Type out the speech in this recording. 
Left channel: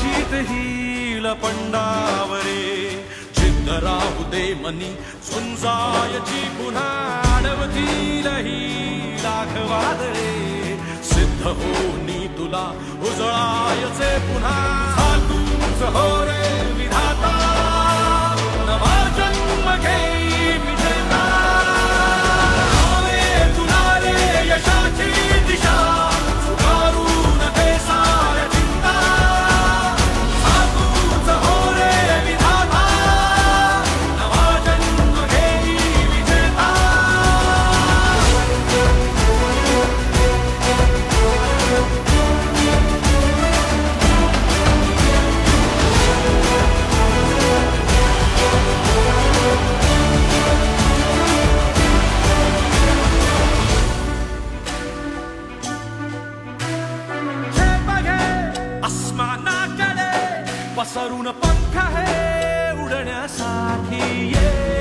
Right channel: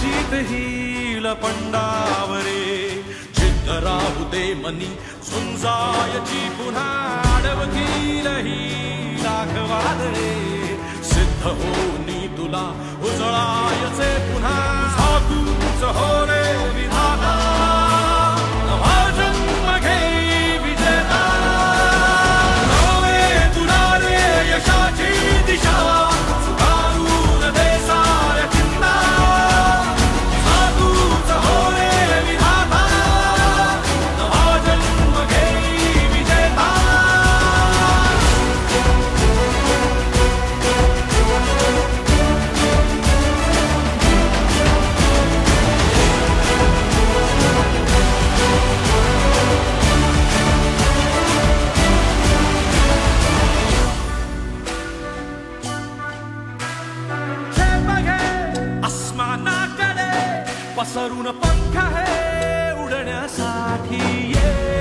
जीत hill पंडावरे जिद्द राहू दे मनी झुंजायची पुन्हा अडवतील ही लाख वादळे सिद्ध होनी तुला उजळायचे पुन्हा साधूच हो रे विधाता नवा जन्म घेई विजेता हो रे तुला रे यशाची दिशा सुधारून दे साऱ्या चिंता साधूच हो रे विधाता नवा जन्म घेई विजेता आसमानाकडे पसरून पंख आहे उडण्यासाठी ये